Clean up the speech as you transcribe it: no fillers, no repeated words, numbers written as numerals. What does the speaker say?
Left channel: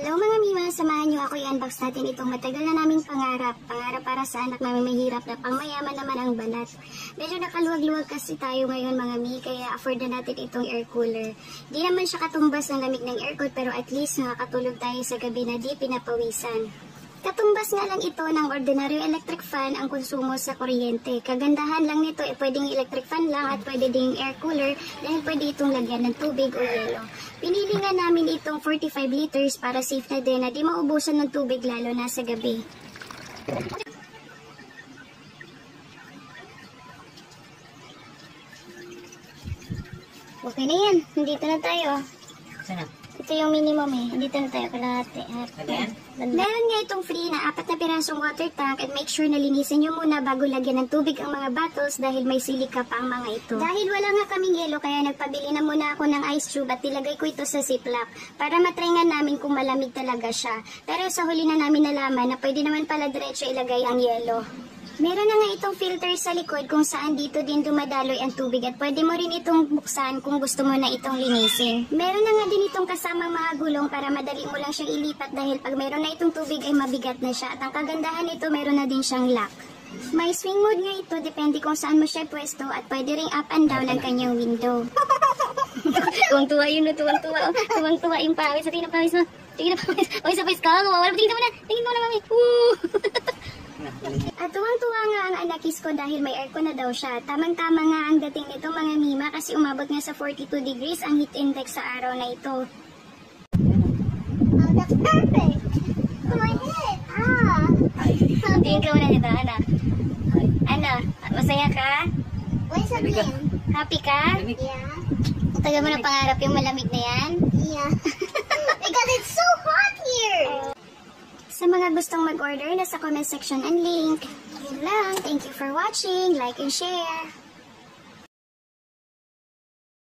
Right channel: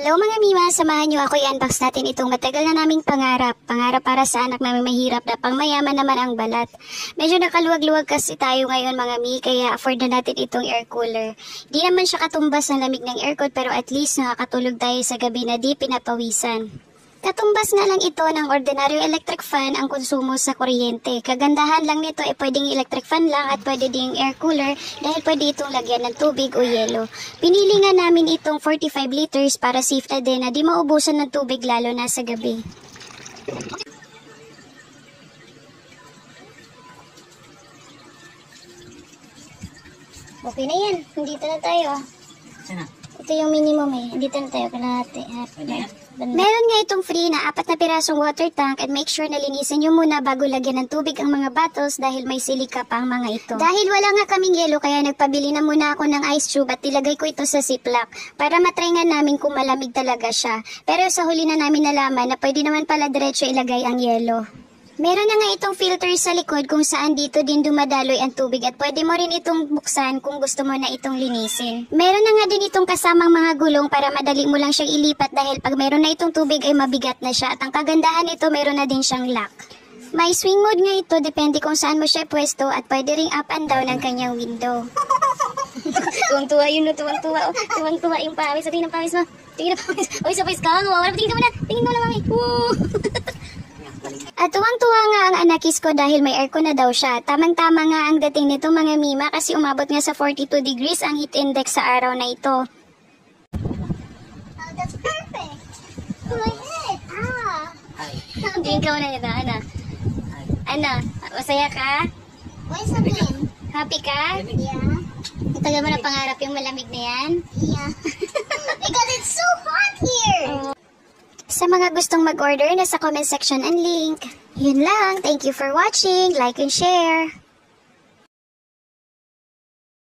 Hello mga Mima, samahan niyo ako i-unbox natin itong matagal na naming pangarap. Pangarap para sa anak namin mahirap na pangmayaman naman ang balat. Medyo nakaluwag-luwag kasi tayo ngayon mga Mi, kaya afford na natin itong air cooler. Di naman siya katumbas ng lamig ng aircon pero at least nakakatulog tayo sa gabi na di pinapawisan. Katumbas nga lang ito ng ordinaryong electric fan ang konsumo sa kuryente. Kagandahan lang nito ay pwedeng electric fan lang at pwede ding air cooler dahil pwede itong lagyan ng tubig o yelo. Pinili nga namin itong 45 liters para safe na din na di maubusan ng tubig lalo na sa gabi. Okay na yan. Dito na tayo. Sana? Ito yung minimum eh. Dito na tayo kalahati. Ganyan? Meron nga itong free na 4 na pirasong water tank at make sure na linisin nyo muna bago lagyan ng tubig ang mga bottles dahil may silika pa ang mga ito. Dahil wala nga kaming yelo kaya nagpabili na muna ako ng ice tube at nilagay ko ito sa ziplock para matry nga namin kung malamig talaga siya. Pero sa huli na namin nalaman na pwede naman pala diretso ilagay ang yelo. Meron na nga itong filter sa likod kung saan dito din dumadaloy ang tubig at pwede mo rin itong buksan kung gusto mo na itong linisin. Meron na nga din itong kasamang mga gulong para madali mo lang siyang ilipat dahil pag meron na itong tubig ay mabigat na siya at ang kagandahan nito meron na din siyang lock. May swing mode nga ito depende kung saan mo siya pwesto at pwede ring up and down ang kanyang window. Tuwang-tuwa yun no, tuwang-tuwa. Tuwang-tuwa yung pawis. Tingin ng pawis mo. Tingin ng pawis. O, isa pawis ka. Tingin mo na. Tingin mo na mami. At tuwang-tuwa nga ang anakis ko dahil may aircon na daw siya. Tamang-tama nga ang dating nito mga Mima kasi umabot nga sa 42 degrees ang heat index sa araw na ito. Oh, that's perfect! My head! Ikaw na nito, ano? Ano? Masaya ka? Why sabihin? Happy ka? Yeah. Itaga mo na pangarap yung malamig na yan? Yeah. Because it's so hot here! Oh. Sa mga gustong mag-order, nasa comment section ang link. Yun lang. Thank you for watching. Like and share.